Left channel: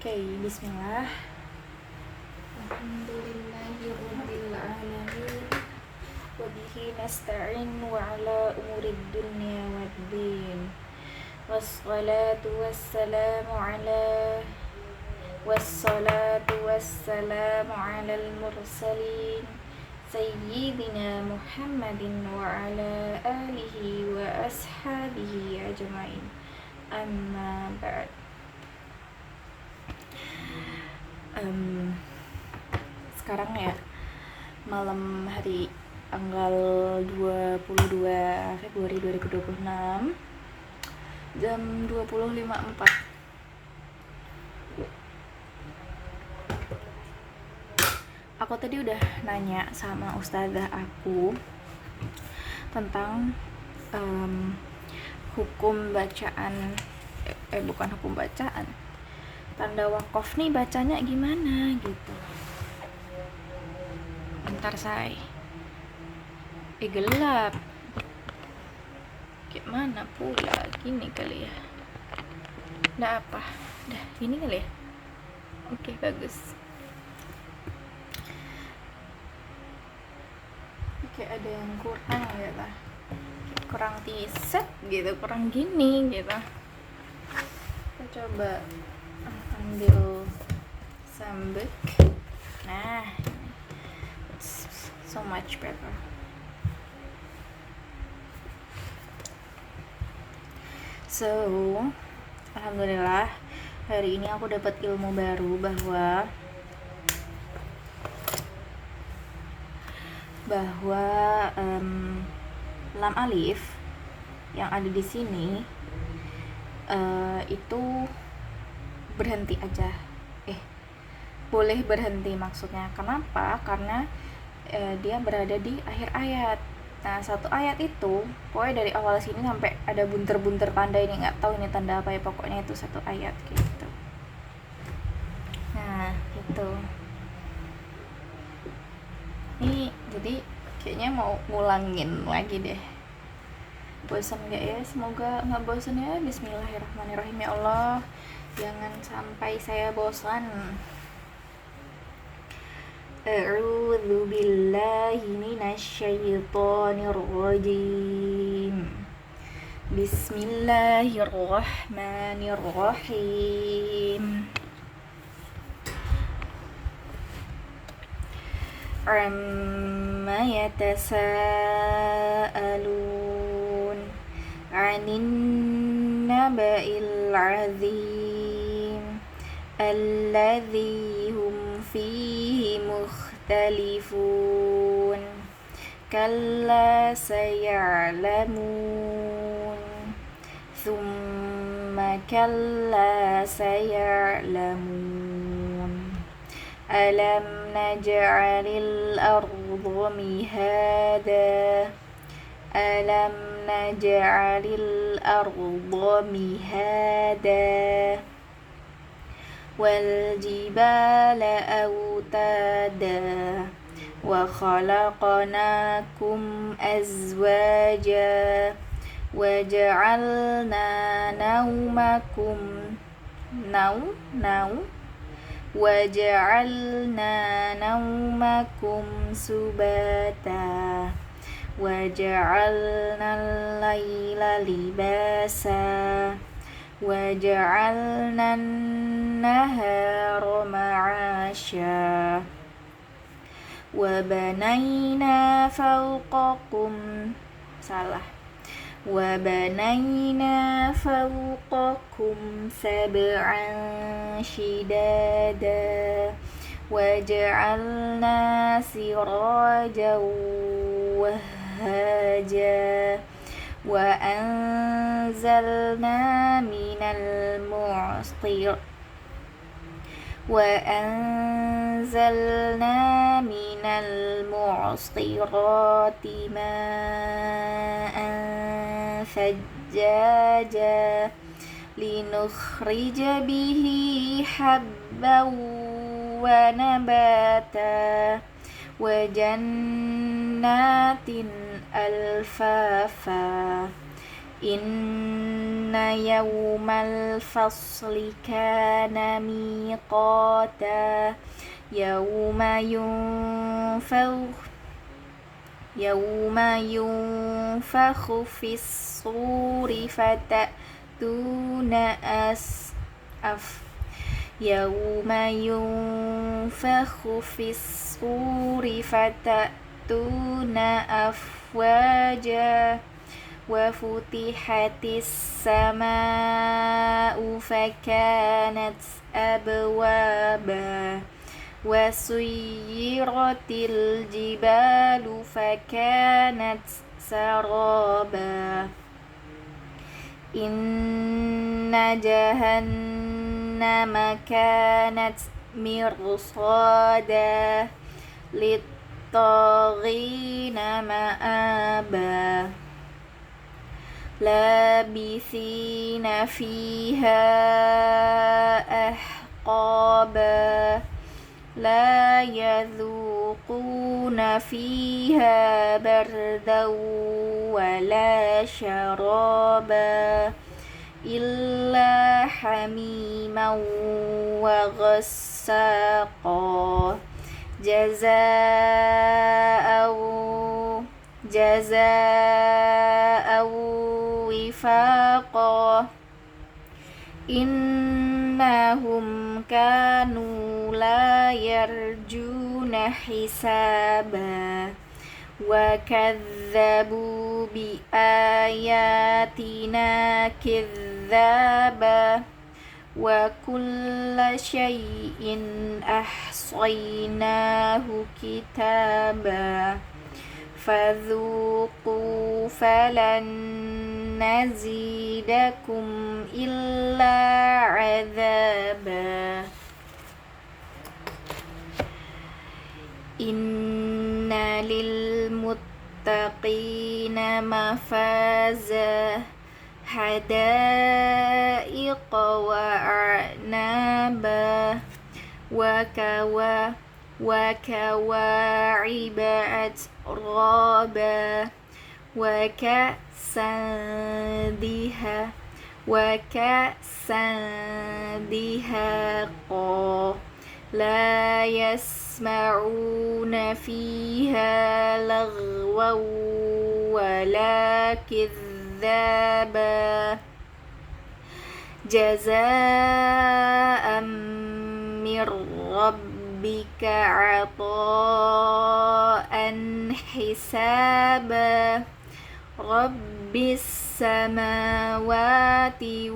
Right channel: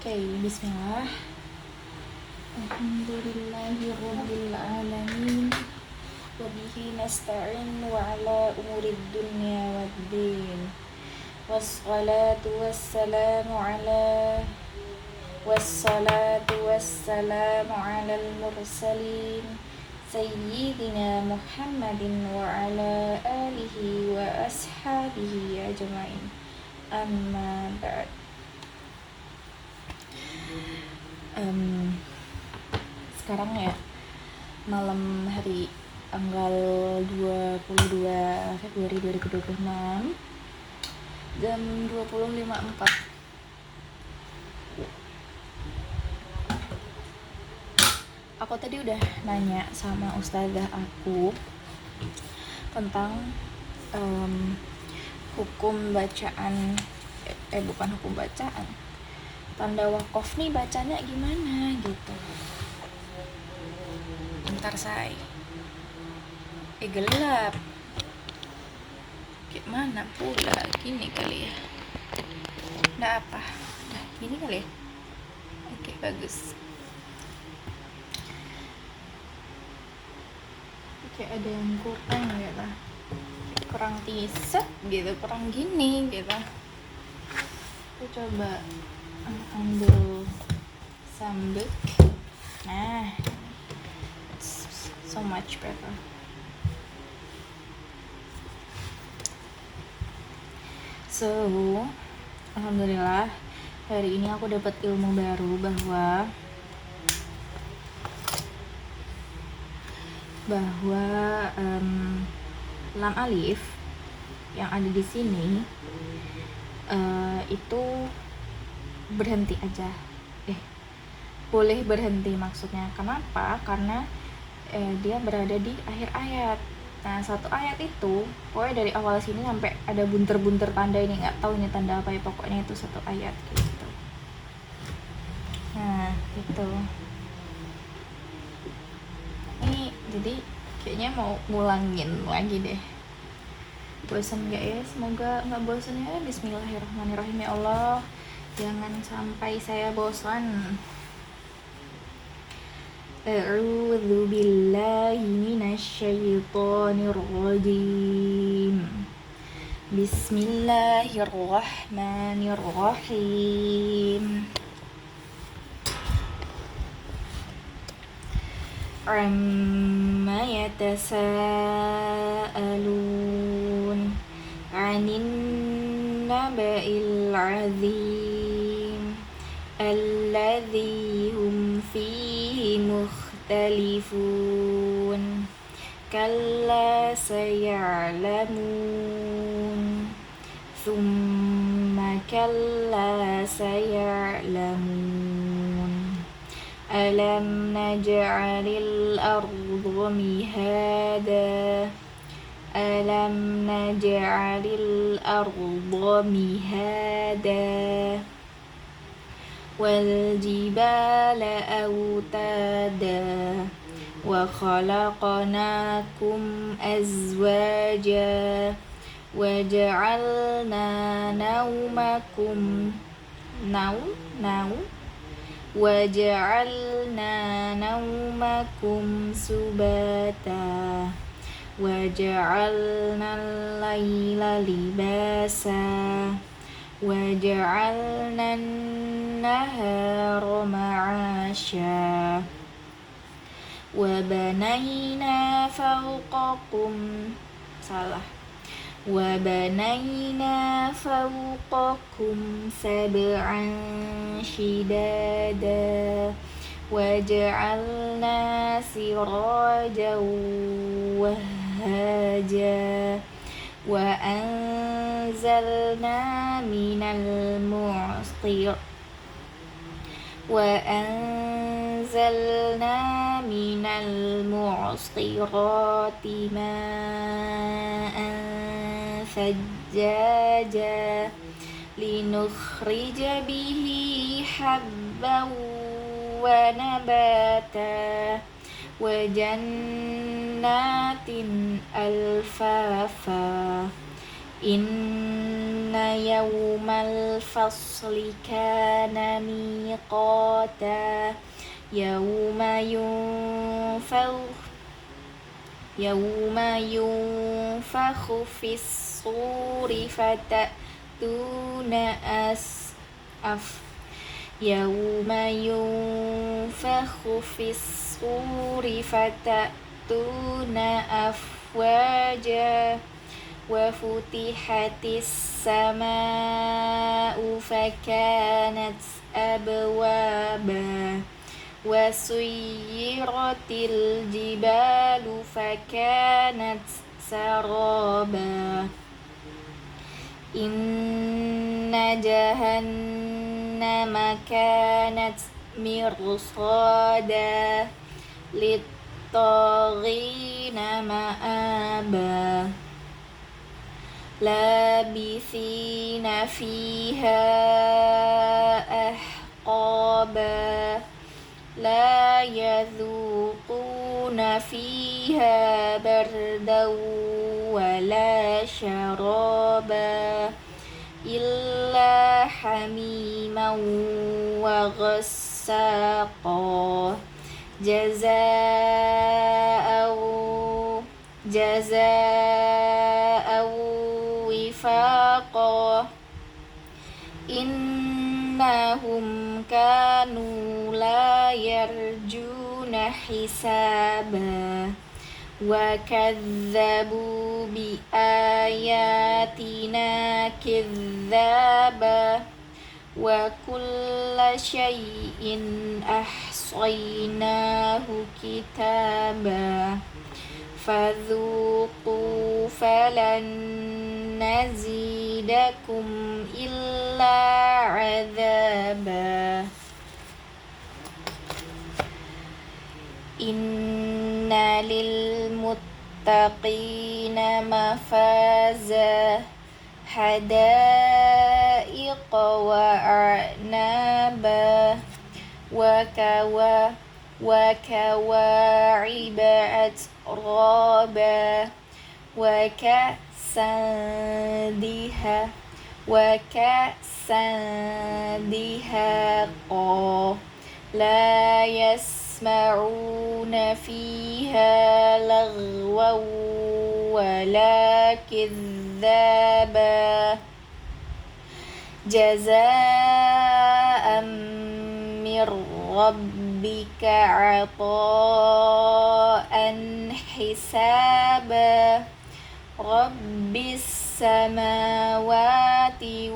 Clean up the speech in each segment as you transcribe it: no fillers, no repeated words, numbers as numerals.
Oke, bismillah. Alhamdulillahirrabbilalamin. Wabihi nasta'in wa ala umurid dunya waddin. Wassalatu wassalamu ala al-mursalin Sayyidina Muhammadin wa ala alihi wa ashabihi ajma'in. Amma ba'd. Sekarang ya malam hari tanggal 22 Februari 2026 jam 20.54. Aku tadi udah nanya sama ustazah aku tentang hukum bacaan bukan hukum bacaan, tanda wakaf nih bacanya gimana gitu. Bentar say, gelap. Gimana pula gini kali ya? Udah apa? Udah ini kali ya? Oke, bagus. Kayak ada yang kurang gitu, kurang tiset gitu, kurang gini gitu. Kita coba ambil sambik. Nah, it's so much better. So, alhamdulillah hari ini aku dapat ilmu baru bahwa lam alif yang ada di sini itu berhenti aja. Boleh berhenti maksudnya. Kenapa? Karena dia berada di akhir ayat. Nah, satu ayat itu pokoknya dari awal sini sampai ada bunter-bunter tanda, ini nggak tahu ini tanda apa ya, pokoknya itu satu ayat gitu. Nah, itu. Ini jadi kayaknya mau ngulangin lagi deh. Bosan gak ya? Semoga gak bosan ya. Bismillahirrahmanirrahim. Ya Allah, jangan sampai saya bosan. A'udzu billahi minasyaitonir rajim. Bismillahirrahmanirrahim. Amma yatasaalun 'anin naba'il 'azim alladzi hum fihi mukhtalifun kalla saya'lamun thumma kalla saya'lamun alam naj'alil arda mihada alam naj'alil arda mihada wal jibala autada wa khalaqnakum azwaja wa ja'alna naumakum وَجَعَلْنَا نَوْمَكُمْ سُبَاتًا وَجَعَلْنَا اللَّيْلَ لِبَاسًا وَجَعَلْنَا النَّهَارَ مَعَاشًا وَبَنَيْنَا فَوْقَكُمْ سَبْعًا شِدَادًا وَجَعَلْنَا سِرَاجًا وَهَّاجًا وَأَنزَلْنَا مِنَ الْمُعْصِرَاتِ مَاءً ثَجَّاجًا لِنُخْرِجَ بِهِ حَبًّا وَنَبَاتًا وَجَنَّاتٍ أَلْفَافًا إِنَّ يوم الفصل كان ميقاتا يوم ينفخ في الصور فتأتون يوم ينفخ في الصور فتأتون أفواجا وفتحت السماء فكانت أبوابا وسيرت الجبال فكانت سرابا إن جهنم كانت مرصادا للطاغين مآبا لابثين فيها أحقابا لا يذوقون فيها بردا ولا شرابا إلا حميما وغساقا جزاء وفاقا إنهم كانوا لا يرجون حسابا وكذبوا بآياتنا كذابا وكل شيء أحصيناه كتابا فذوقوا فلن نزيدكم إلا عذابا إن للمتقين مفازا حدائق وأعنابا وكواعب أترابا وكأسا دهاقا لا يسمعون فيها لغوا ولا كذابا جزاء من ربك عطاء حسابا رب السماوات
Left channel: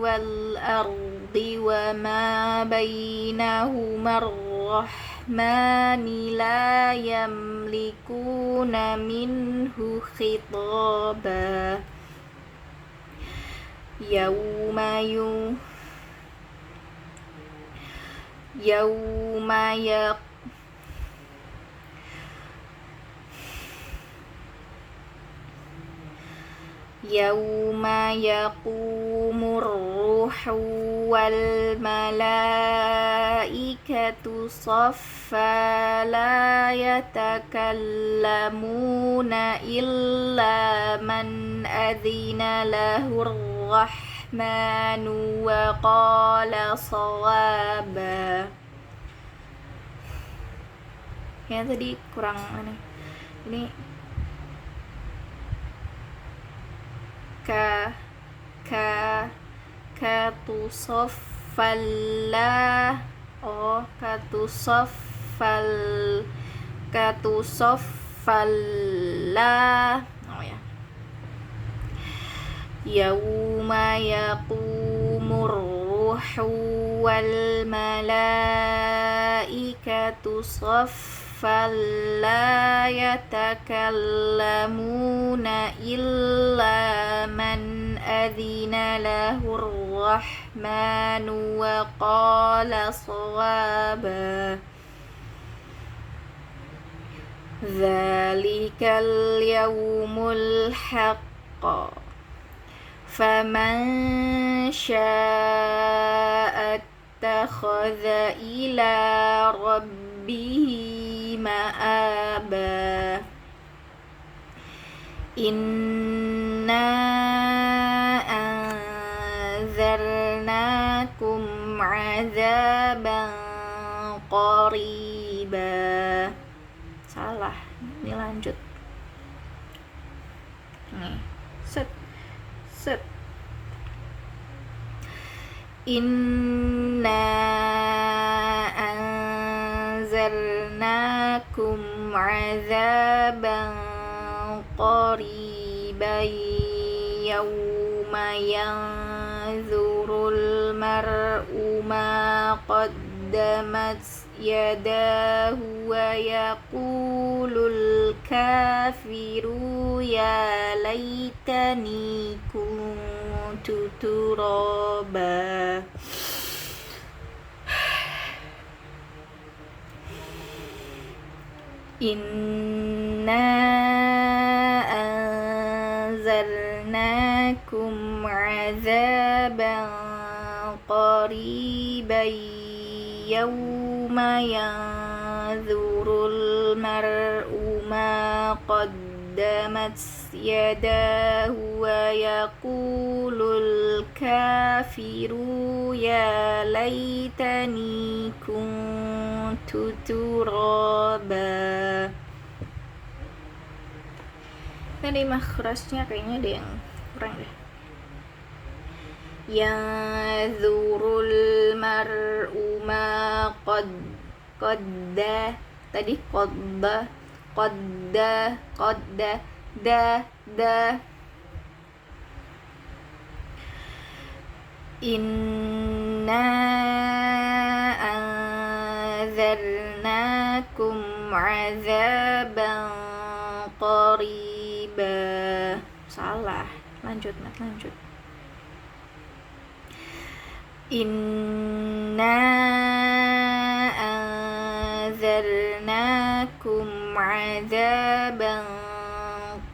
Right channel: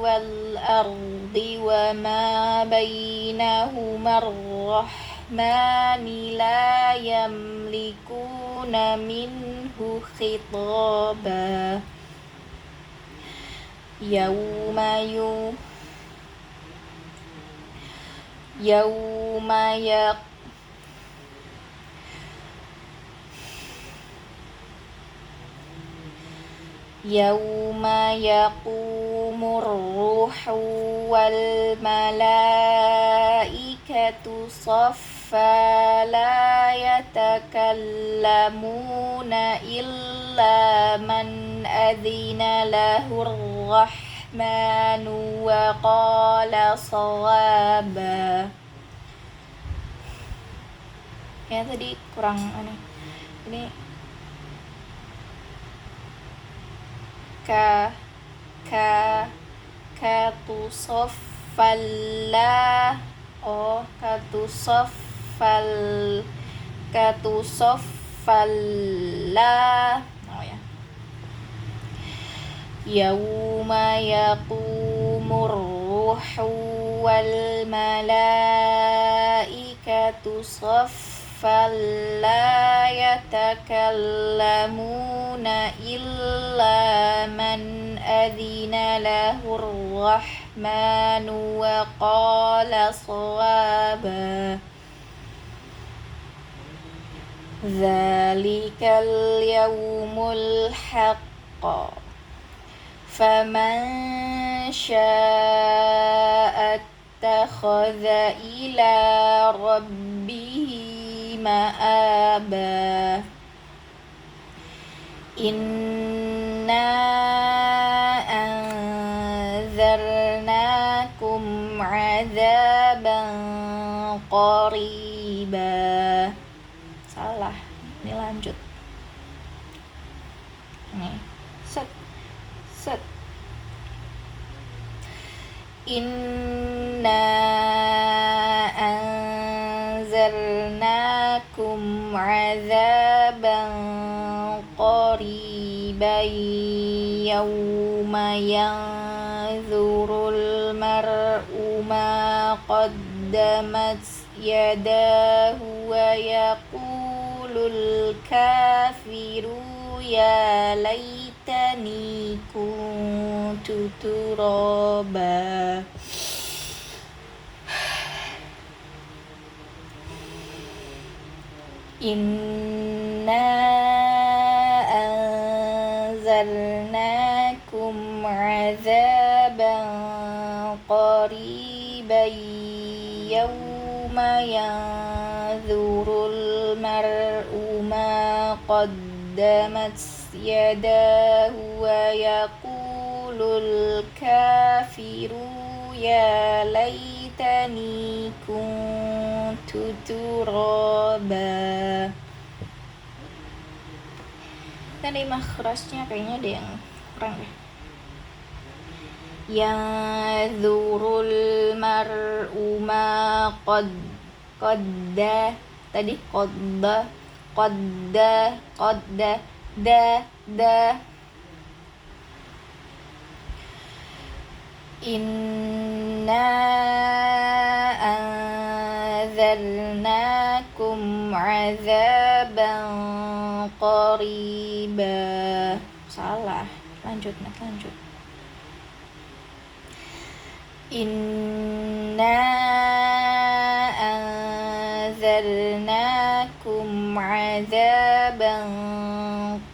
والأرض وما بينهما الرحمن لا يملكون منه خطابا يوم يقوم الروح والملائكة صفا لا يتكلمون إلا من أذن له الرحمن وقال صوابا. Ya tadi kurang ini katusoffalla ya yauma yaqumur ruhu wal malaikatu saffan la yatakallamuna illa man adina lahur rahmanu wa qala shawaba. Dzalikal yaumul haqq faman syaa'a ittakhadha ila rabbihi ma'aba. Inna 'adzaban qariba. Salah. Ini lanjut. Nih. Set. Set. Inna anzalnakum 'adzaban qariban yawma yanzurul mar'u ma qaddamat yadahu wa yaqulul kafiru ya laitani kuntu turaba. Inna anzalnakum 'adzaban qariban yawma yanzurul mar'u ma qaddamat yadahu wa yaqulul kafiru ya laitani kuntu turaba. Tadi makhrajnya kayaknya ada yang kurang deh. Yanzurul mar'u ma qadda tadi qadda da. Inna anzalnakum 'adzaban qariba. Salah. Lanjut. Inna anzalnakum 'adzaban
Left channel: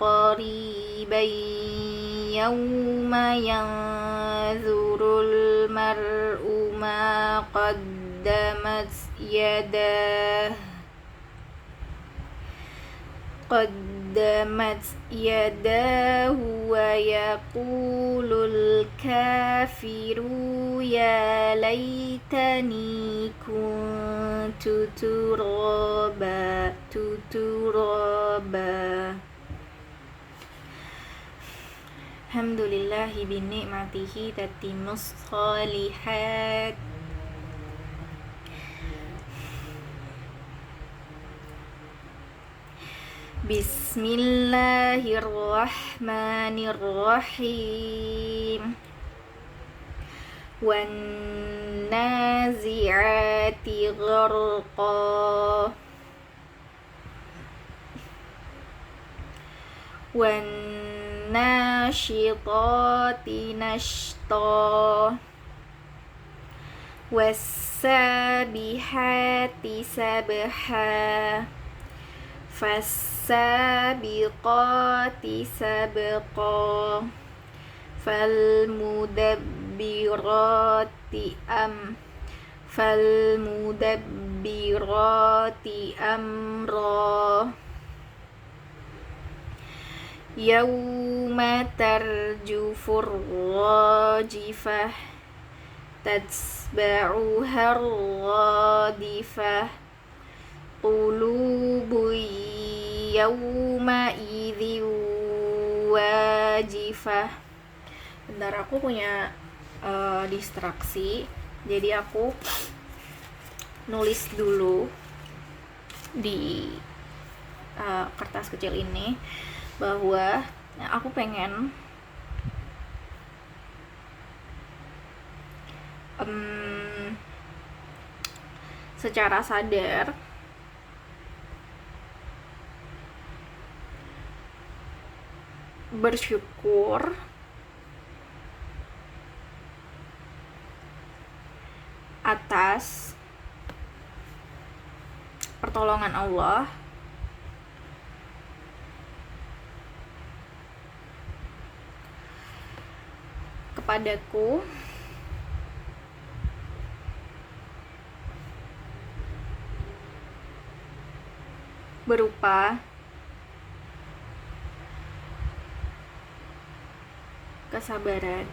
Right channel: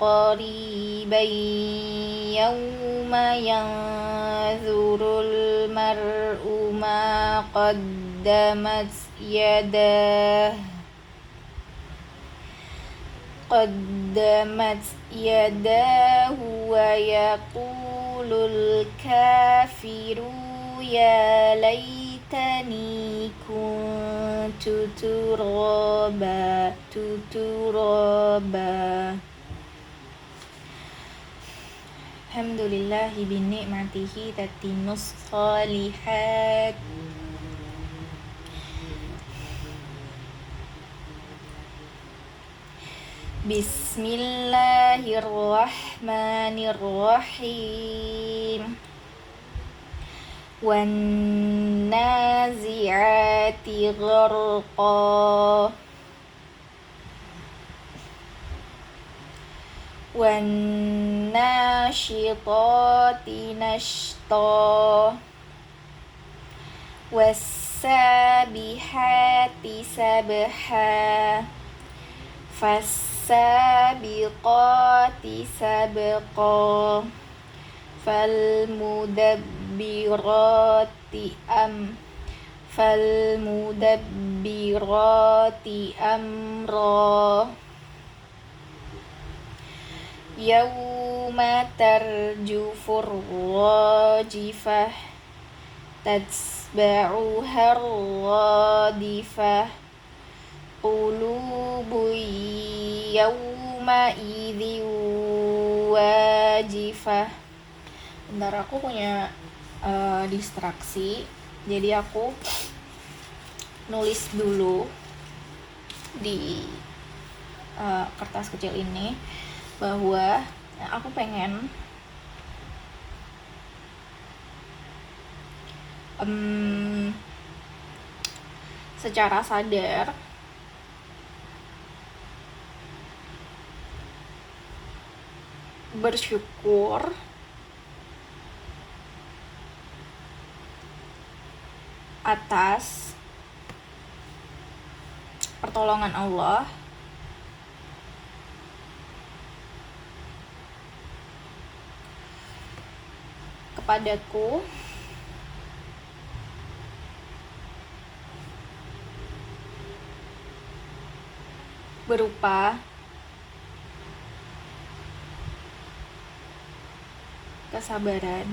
qariban yawma yanzurul mar'u ma qaddamat yadahu wa yaqulul kafiru ya laitani kuntu turaba. Alhamdulillahi binikmatihi tatimmus shalihat. Bismillahirrahmanirrahim. Wan nazi'ati gharqa. Wan nashitati nashta. Was sabihati sabha. Fas-sabiqati sabqa. Falmudabbirati amra. Yawma tarjufur rajifah. Tatsba'uha radifah. Qulubu yawma idhin wajifah. Bentar, aku punya distraksi, jadi aku nulis dulu di kertas kecil ini bahwa aku pengen secara sadar bersyukur atas pertolongan Allah kepadaku berupa kesabaran,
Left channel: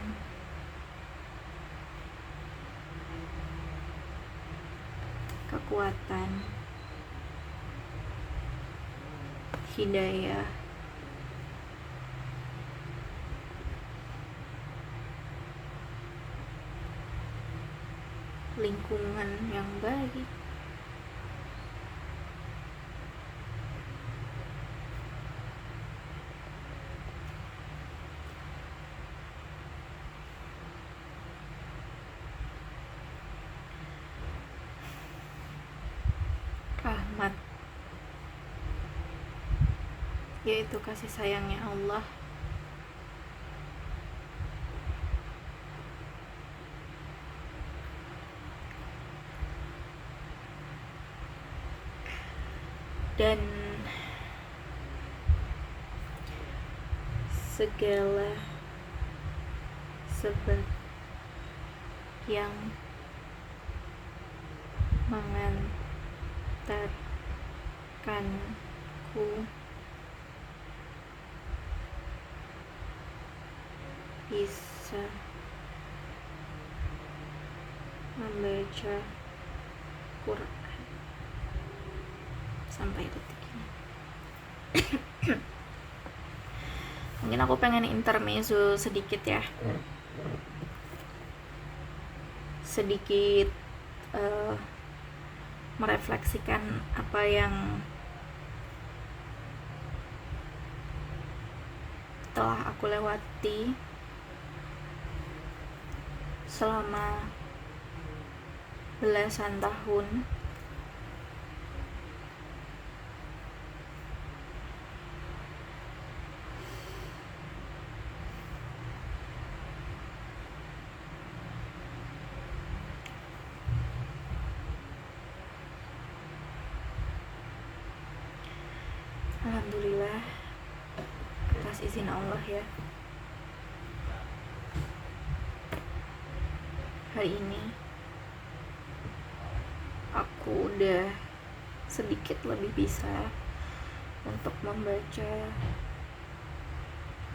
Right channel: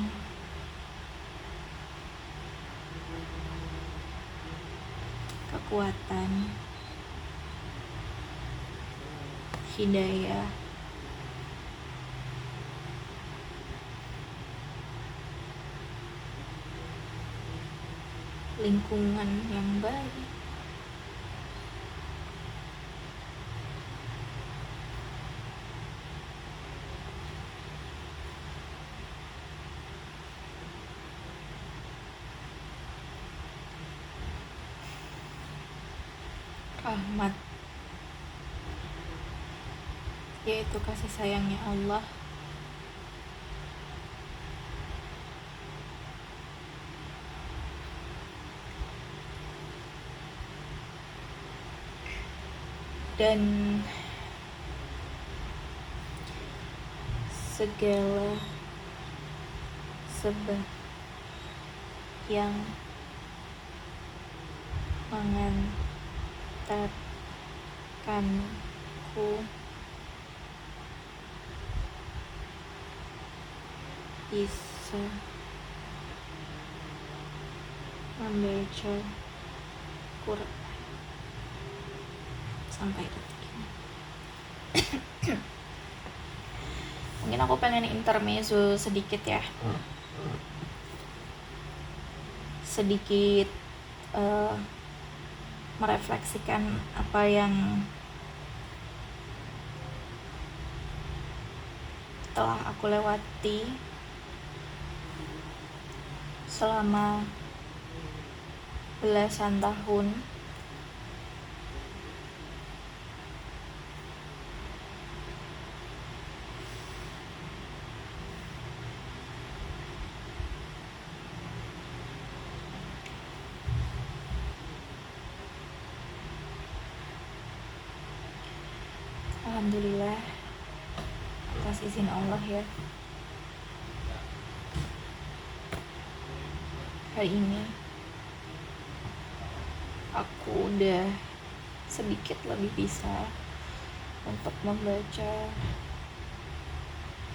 kekuatan, hidayah, lingkungan yang baik, rahmat, yaitu kasih sayangnya Allah, dan segala sebab yang mengantarkanku bisa membaca Quran sampai detik ini. Mungkin aku pengen intermezzo sedikit ya, sedikit merefleksikan apa yang telah aku lewati selama belasan tahun alhamdulillah atas izin Allah ya. Hari ini aku udah sedikit lebih bisa untuk membaca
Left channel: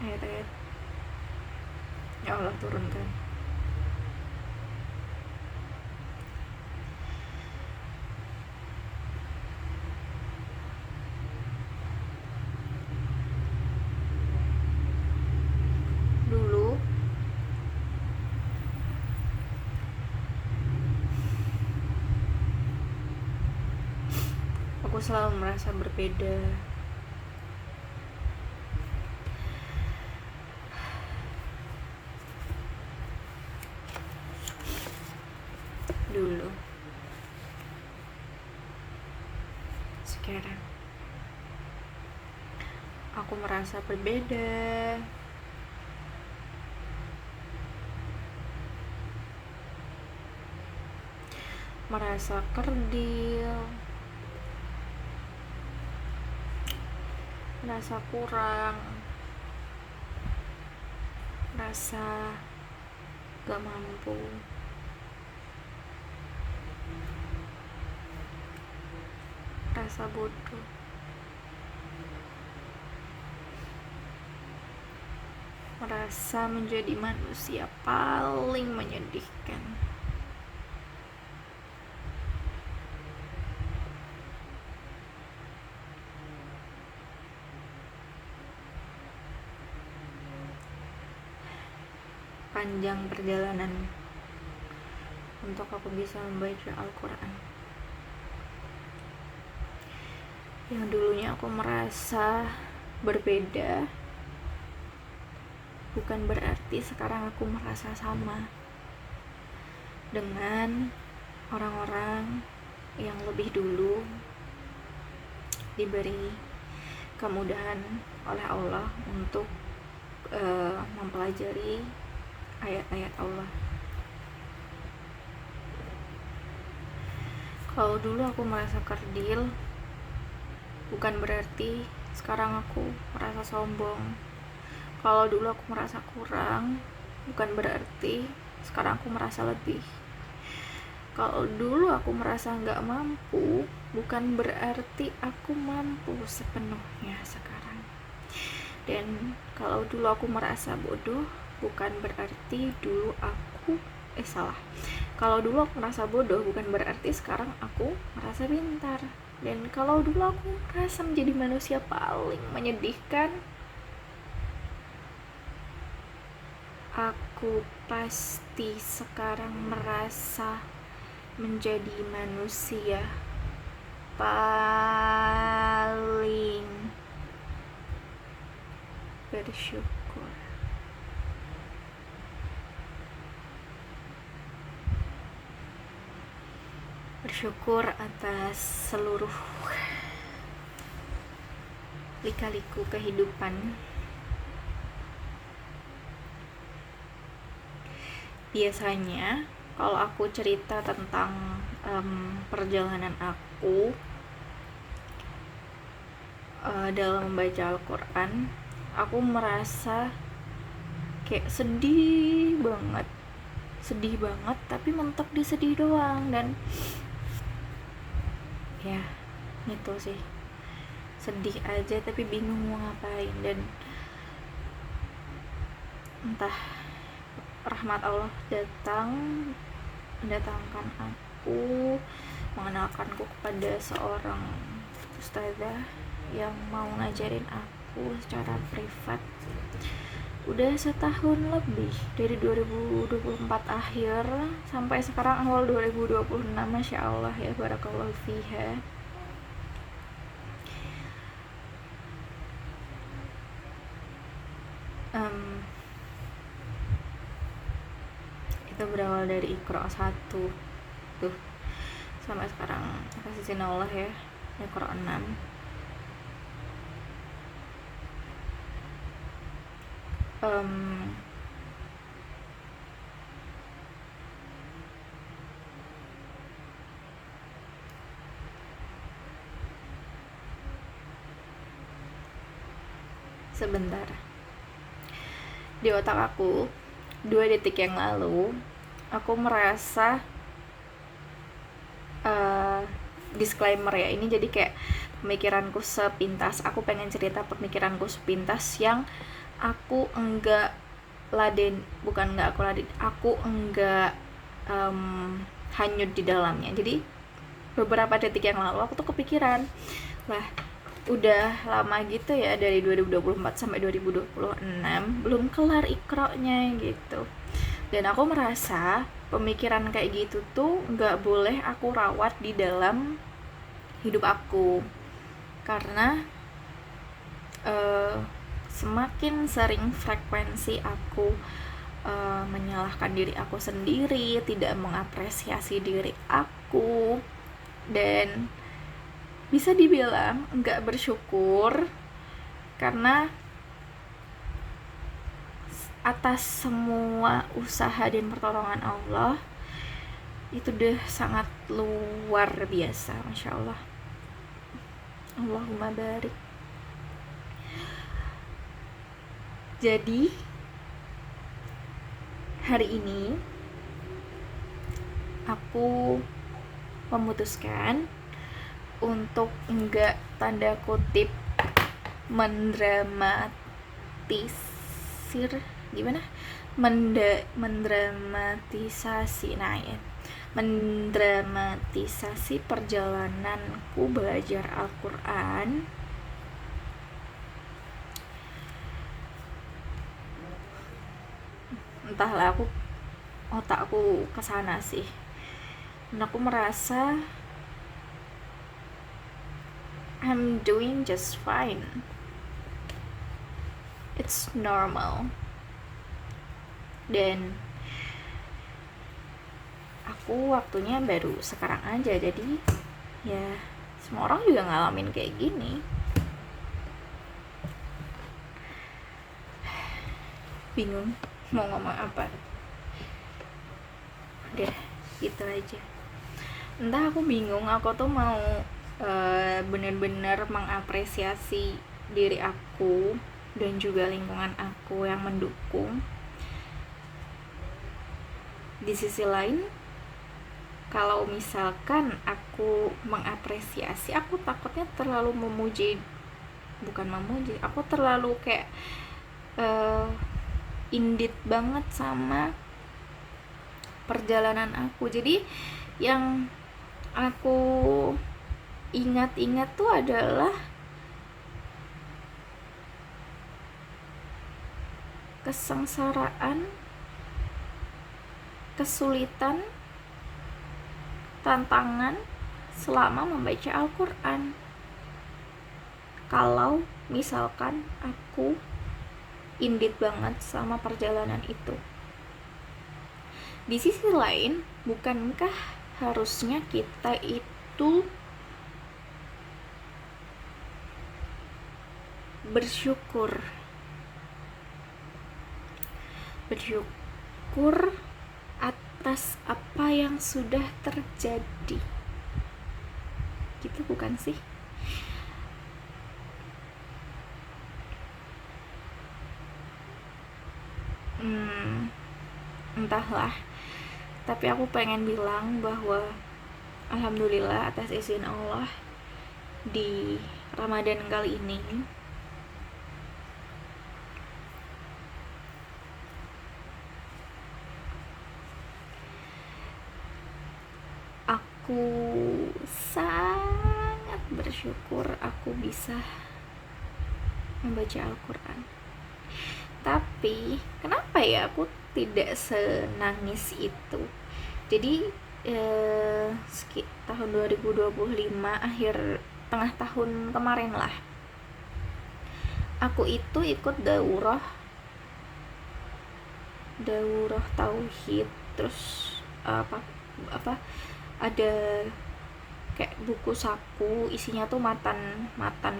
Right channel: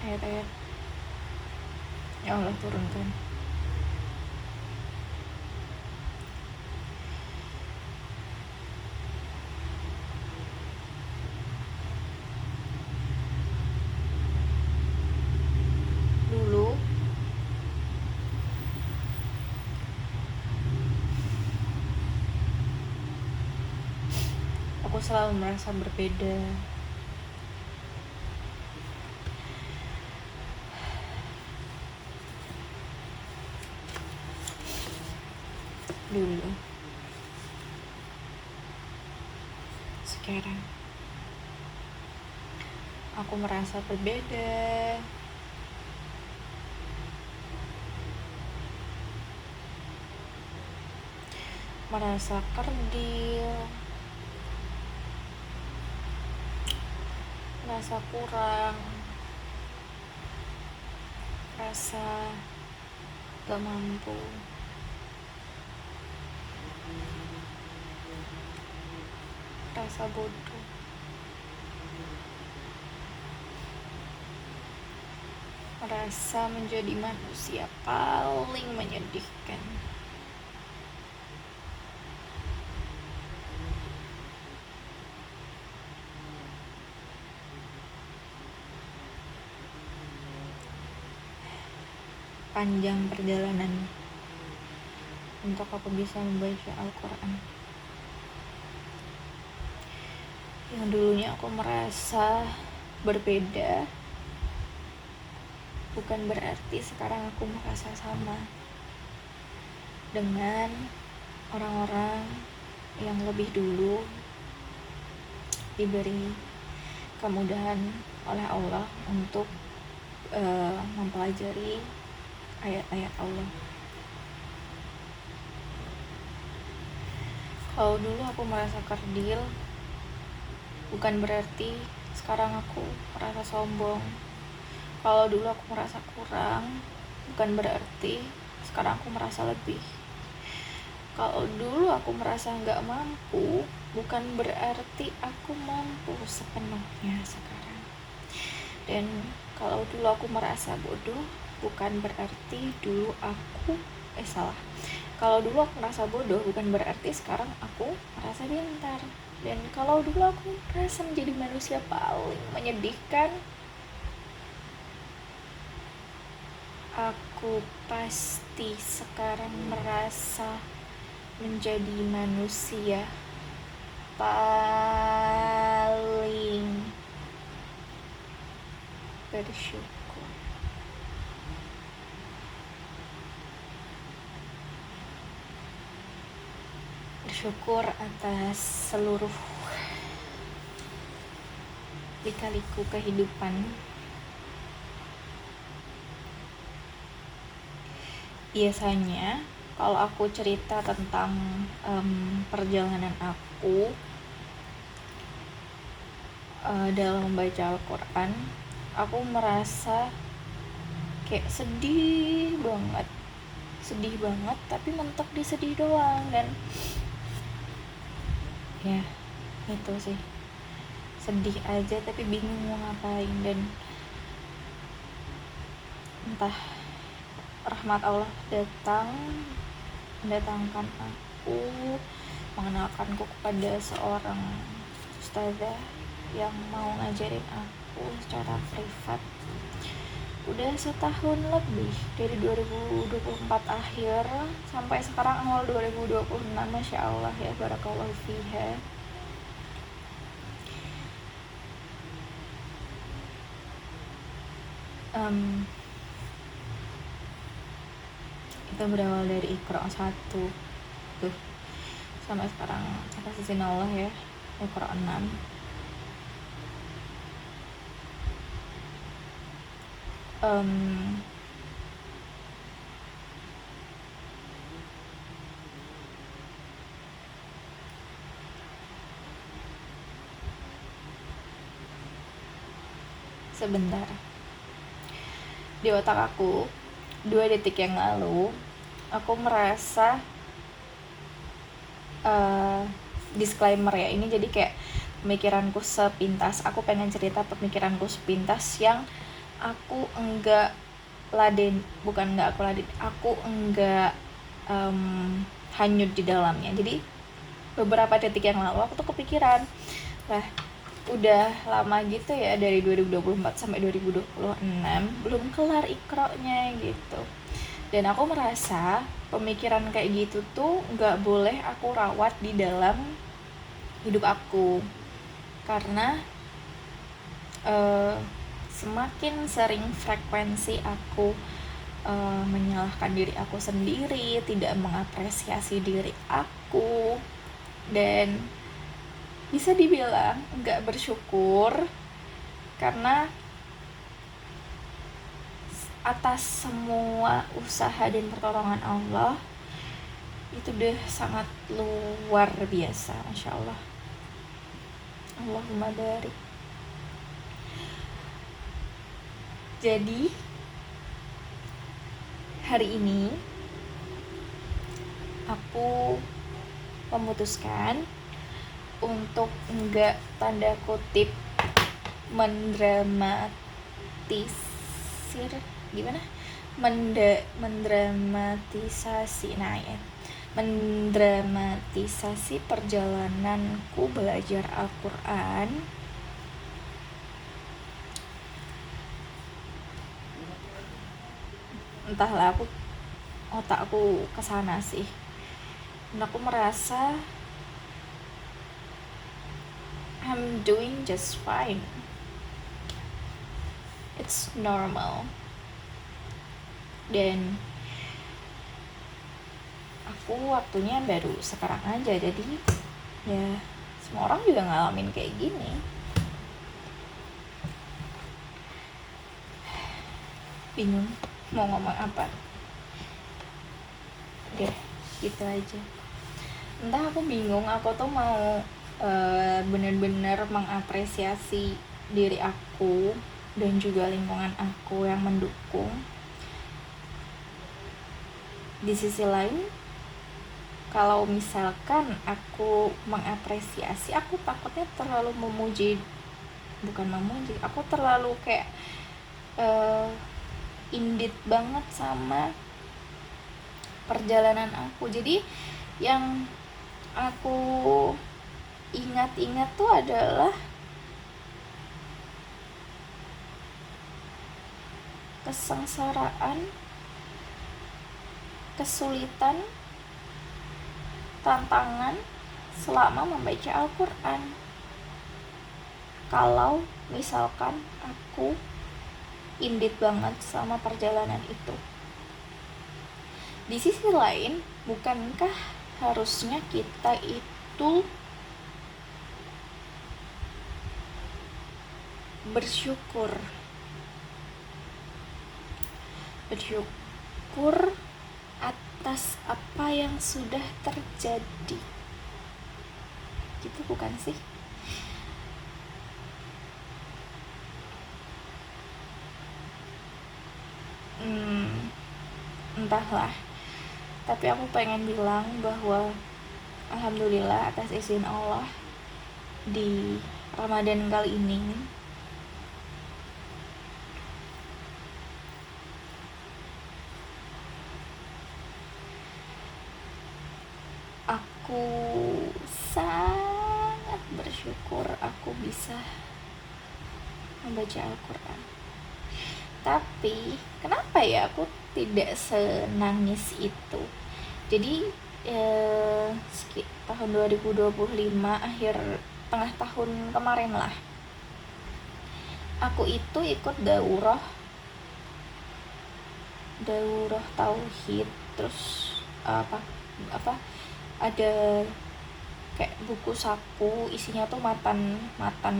ayat-ayat yang Allah turunkan. Dulu aku selalu merasa berbeda. Dulu. Sekarang aku merasa berbeda. Merasa kerdil, merasa kurang, merasa gak mampu, merasa bodoh, merasa menjadi manusia paling menyedihkan. Panjang perjalanan untuk aku bisa membaca Al-Quran. Yang dulunya aku merasa berbeda, bukan berarti sekarang aku merasa sama dengan orang-orang yang lebih dulu diberi kemudahan oleh Allah untuk mempelajari ayat-ayat Allah. Kalau dulu aku merasa kerdil, bukan berarti sekarang aku merasa sombong. Kalau dulu aku merasa kurang, bukan berarti sekarang aku merasa lebih. Kalau dulu aku merasa gak mampu, bukan berarti aku mampu sepenuhnya sekarang. Dan kalau dulu aku merasa bodoh, bukan berarti dulu aku kalau dulu aku merasa bodoh bukan berarti sekarang aku merasa pintar. Dan kalau dulu aku merasa menjadi manusia paling menyedihkan, aku pasti sekarang merasa menjadi manusia paling bersyukur. Bersyukur atas seluruh lika-liku kehidupan. Biasanya kalau aku cerita tentang perjalanan aku dalam membaca Al-Quran, aku merasa kayak sedih banget tapi mentok di sedih doang. Dan ya itu sih, sedih aja tapi bingung mau ngapain. Dan entah rahmat Allah mendatangkan aku, mengenalkanku kepada seorang ustazah yang mau ngajarin aku secara privat udah setahun lebih, dari 2024 akhir sampai sekarang awal 2026. Masya Allah ya, barakallahu fiha. Itu berawal dari Iqra 1 sampai sekarang atas izin Allah ya, Iqra 6. Sebentar, di otak aku 2 detik yang lalu aku merasa disclaimer ya, ini jadi kayak pemikiranku sepintas. Aku pengen cerita pemikiranku sepintas yang aku enggak hanyut di dalamnya. Jadi beberapa detik yang lalu aku tuh kepikiran, lah udah lama gitu ya, dari 2024 sampai 2026 belum kelar Iqra-nya gitu. Dan aku merasa pemikiran kayak gitu tuh gak boleh aku rawat di dalam hidup aku, karena semakin sering frekuensi aku menyalahkan diri aku sendiri, tidak mengapresiasi diri aku, dan bisa dibilang gak bersyukur, karena atas semua usaha dan pertolongan Allah itu udah sangat luar biasa. Masya Allah, Allahumma barik. Jadi hari ini aku memutuskan untuk enggak tanda kutip mendramatisasi perjalananku belajar Al-Quran. Entahlah, otak aku kesana sih, dan aku merasa I'm doing just fine, it's normal. Dan aku waktunya baru sekarang aja, jadi ya semua orang juga ngalamin kayak gini. Bingung mau ngomong apa, udah gitu aja. Entah, aku bingung, aku tuh mau benar-benar mengapresiasi diri aku dan juga lingkungan aku yang mendukung. Di sisi lain, kalau misalkan aku mengapresiasi, aku takutnya terlalu aku terlalu kayak indit banget sama perjalanan aku. Jadi yang aku ingat-ingat tuh adalah kesengsaraan, kesulitan, tantangan selama membaca Al-Quran. Kalau misalkan aku indit banget sama perjalanan itu. Di sisi lain, bukankah harusnya kita itu bersyukur atas apa yang sudah terjadi? Gitu bukan sih? Entahlah, tapi aku pengen bilang bahwa alhamdulillah atas izin Allah di Ramadan kali ini aku sangat bersyukur aku bisa membaca Al-Quran. Tapi kenapa ya aku tidak senangis itu? Jadi tahun 2025 akhir tengah tahun kemarin lah, aku itu ikut daurah tauhid. Terus apa ada kayak buku saku isinya tuh matan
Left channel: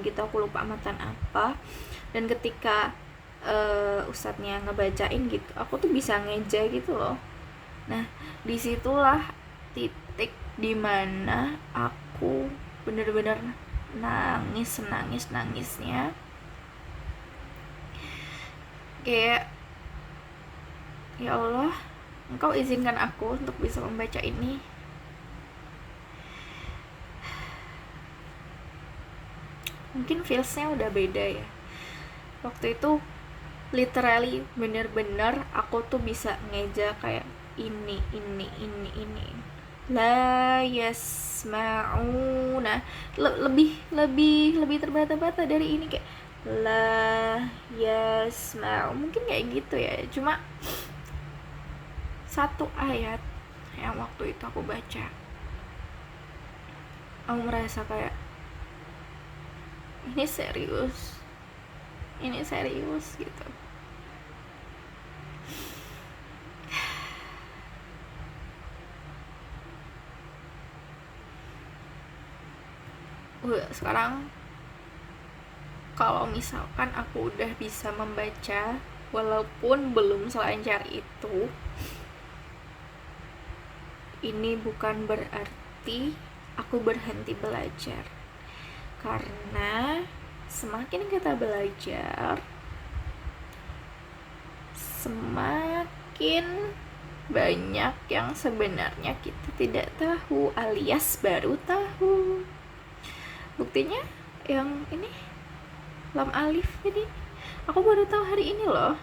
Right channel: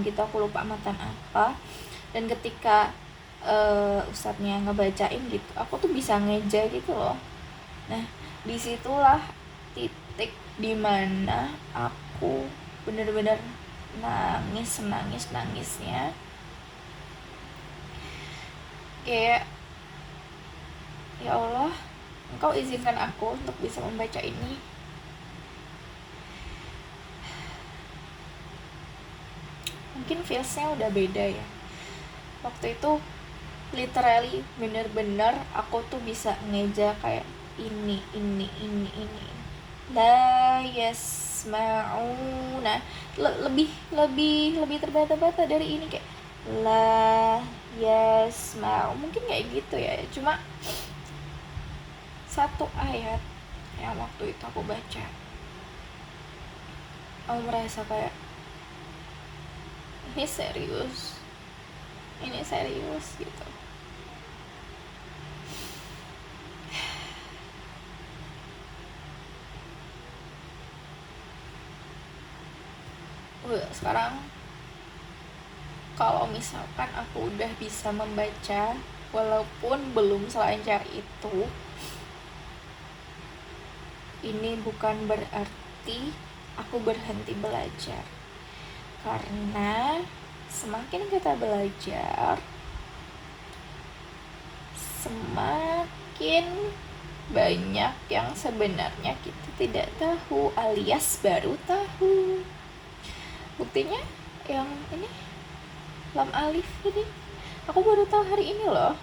gitu, aku lupa matan apa. Dan ketika ustadznya ngebacain gitu, aku tuh bisa ngeja gitu loh. Nah, disitulah titik dimana aku bener-bener nangisnya kayak, ya Allah, Engkau izinkan aku untuk bisa membaca ini. Mungkin feelsnya udah beda ya. Waktu itu literally bener-bener aku tuh bisa ngeja kayak ini la yasma'una, lebih terbata-bata dari ini, kayak la yasma'u, mungkin kayak gitu ya. Cuma satu ayat yang waktu itu aku baca, aku merasa kayak ini serius gitu. Sekarang kalau misalkan aku udah bisa membaca walaupun belum selancar itu, ini bukan berarti aku berhenti belajar. Karena semakin kita belajar, semakin banyak yang sebenarnya kita tidak tahu alias baru tahu. Buktinya yang ini lam alif, jadi aku baru tahu hari ini loh.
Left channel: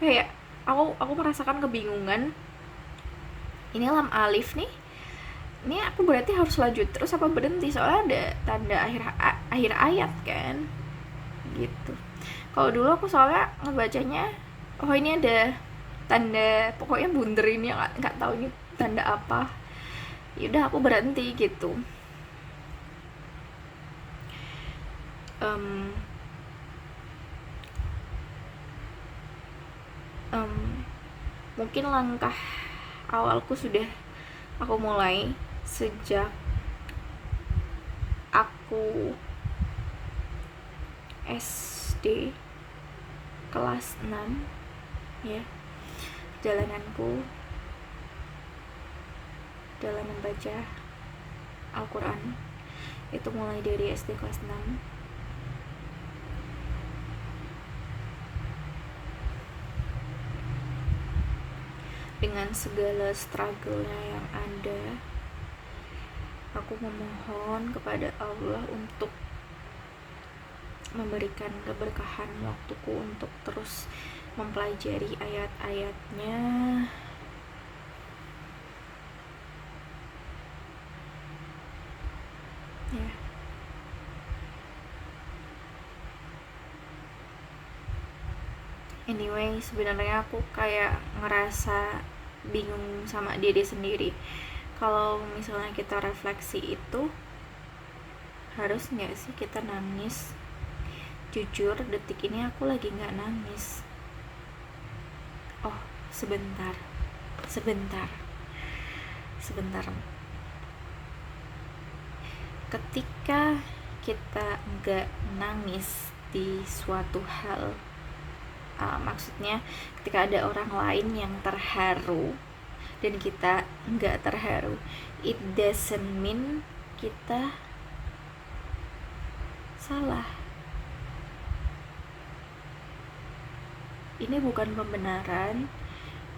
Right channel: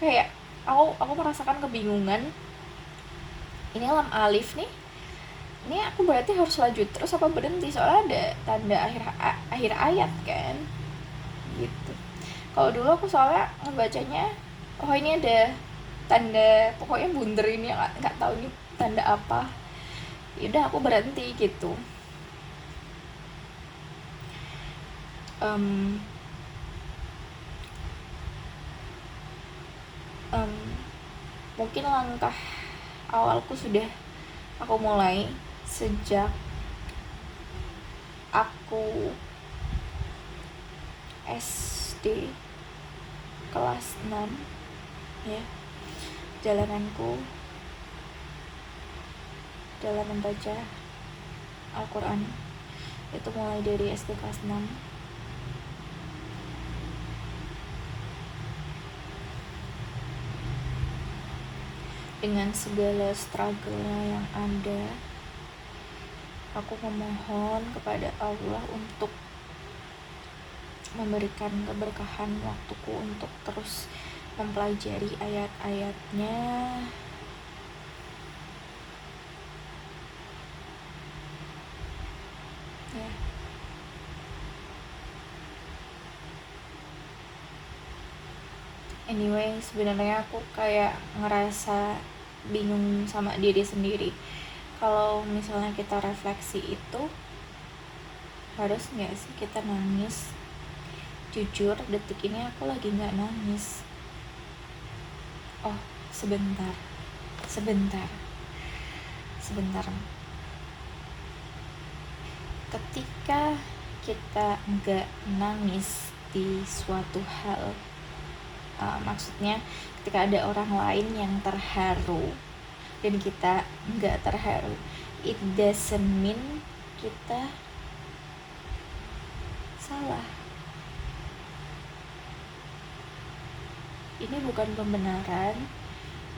Kayak aku merasakan kebingungan, ini lam alif nih, ini aku berarti harus lanjut terus apa berhenti, soalnya ada tanda akhir ayat kan gitu. Kalau dulu aku soalnya ngebacanya, oh ini ada tanda, pokoknya bunder ini, nggak tahu ini tanda apa, yaudah aku berhenti gitu. Mungkin langkah awalku sudah aku mulai sejak aku SD kelas 6 ya. Jalananku dalam membaca Al-Quran itu mulai dari SD kelas 6. Dengan segala struggle-nya yang ada, aku memohon kepada Allah untuk memberikan keberkahan waktuku untuk terus mempelajari ayat-ayatnya, Anyway, sebenarnya aku kayak ngerasa bingung sama diri sendiri. Kalau misalnya kita refleksi itu, harus nggak sih kita nangis? Jujur, detik ini aku lagi nggak nangis. Oh, sebentar. Ketika kita nggak nangis di suatu hal, maksudnya ketika ada orang lain yang terharu dan kita nggak terharu, it doesn't mean kita salah. Ini bukan pembenaran,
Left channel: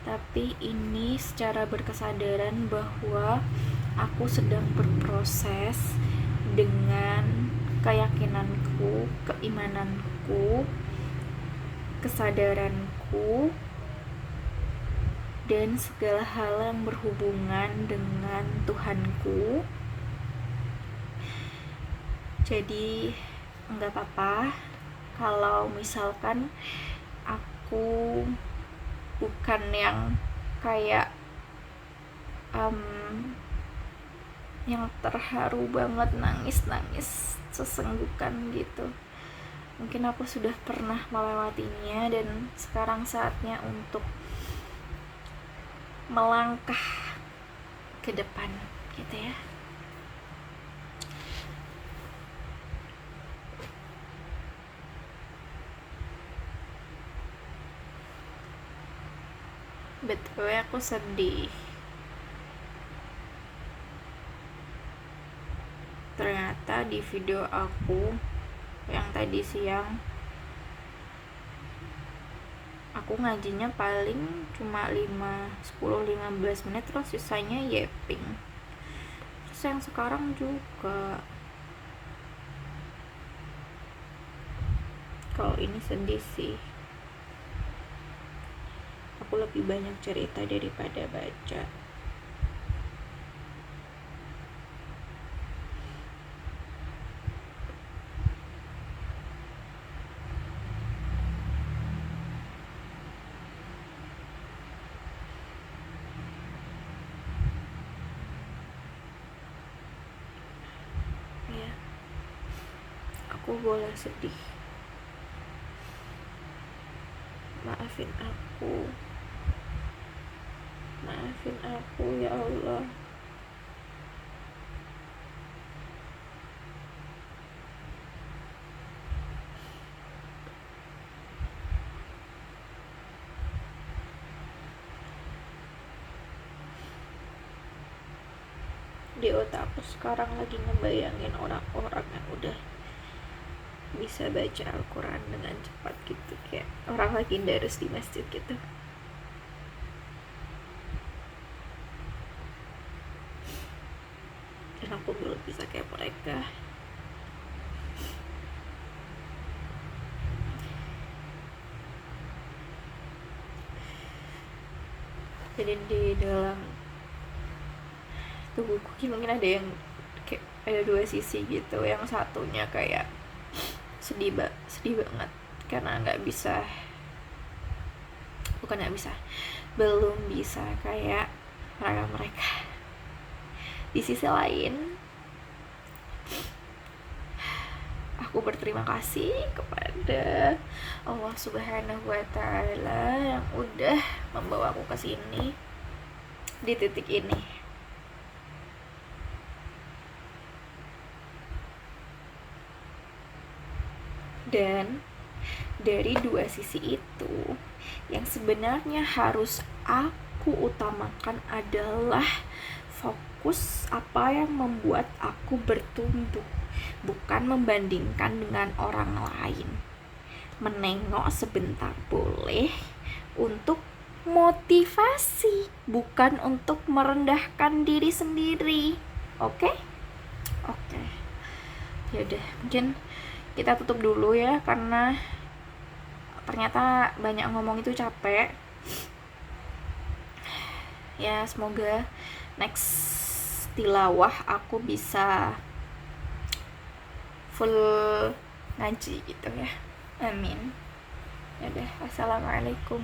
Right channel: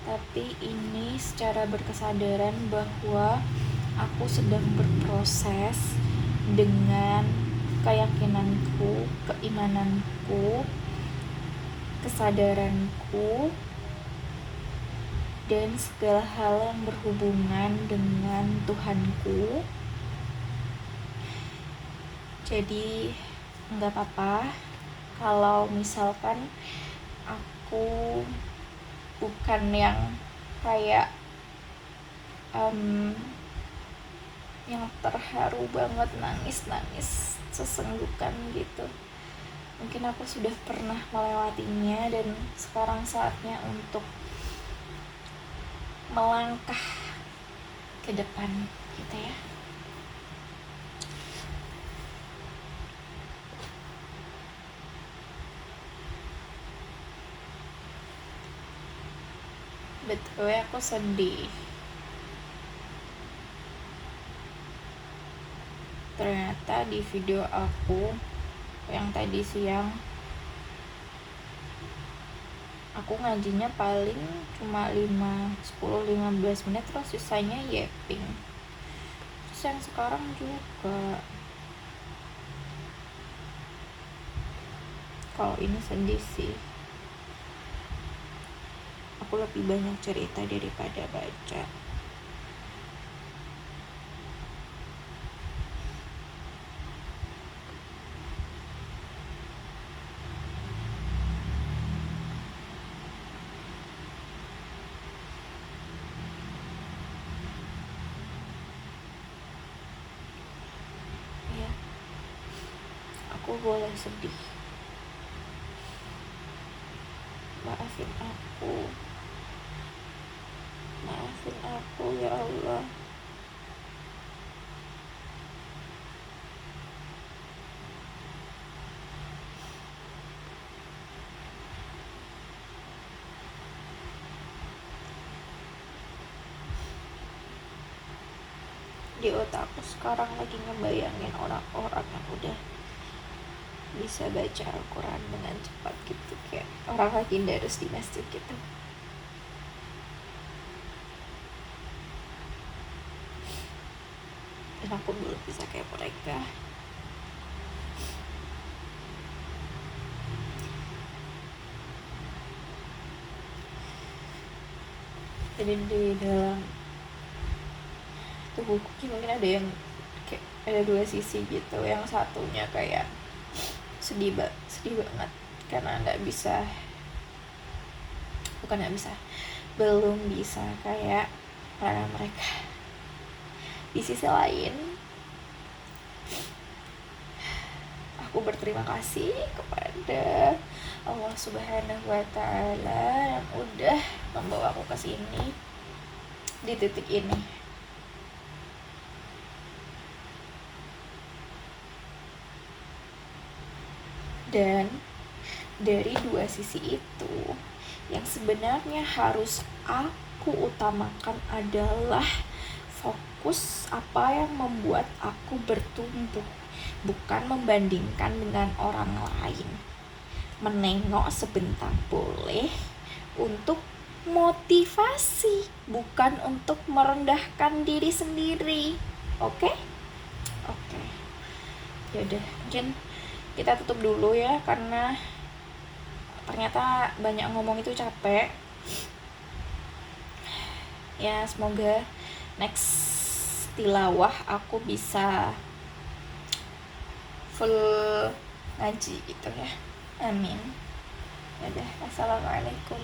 tapi ini secara berkesadaran bahwa aku sedang berproses dengan keyakinanku, keimananku, kesadaranku, dan segala hal yang berhubungan dengan Tuhanku. Jadi nggak apa-apa kalau misalkan aku bukan yang kayak yang terharu banget, nangis sesenggukan gitu. Mungkin aku sudah pernah melewatinya dan sekarang saatnya untuk melangkah ke depan gitu ya. Betul ya, aku sedih. Ternyata di video aku yang tadi siang, aku ngajinya paling cuma 10-15 menit, terus sisanya yapping. Terus yang sekarang juga, kalau ini sedih sih. Aku lebih banyak cerita daripada baca. Ya, aku boleh sedih. Maafin aku ya Allah. Di otak aku sekarang lagi ngebayangin orang-orang yang udah bisa baca Al-Quran dengan cepat gitu, kayak orang lagi darus di masjid gitu. Dan aku belum bisa kayak mereka. Jadi di dalam tubuhku mungkin ada yang kayak ada dua sisi gitu. Yang satunya kayak sedih banget karena belum bisa kayak mereka. Di sisi lain, aku berterima kasih kepada Allah Subhanahu wa Ta'ala yang udah membawa aku ke sini di titik ini. Dan dari dua sisi itu, yang sebenarnya harus aku utamakan adalah fokus apa yang membuat aku bertumbuh, bukan membandingkan dengan orang lain. Menengok sebentar boleh untuk motivasi, bukan untuk merendahkan diri sendiri. Oke? Yaudah, mungkin kita tutup dulu ya, karena ternyata banyak ngomong itu capek. Ya, semoga next tilawah aku bisa full ngaji gitu ya. Amin. Yaudah, Wassalamualaikum.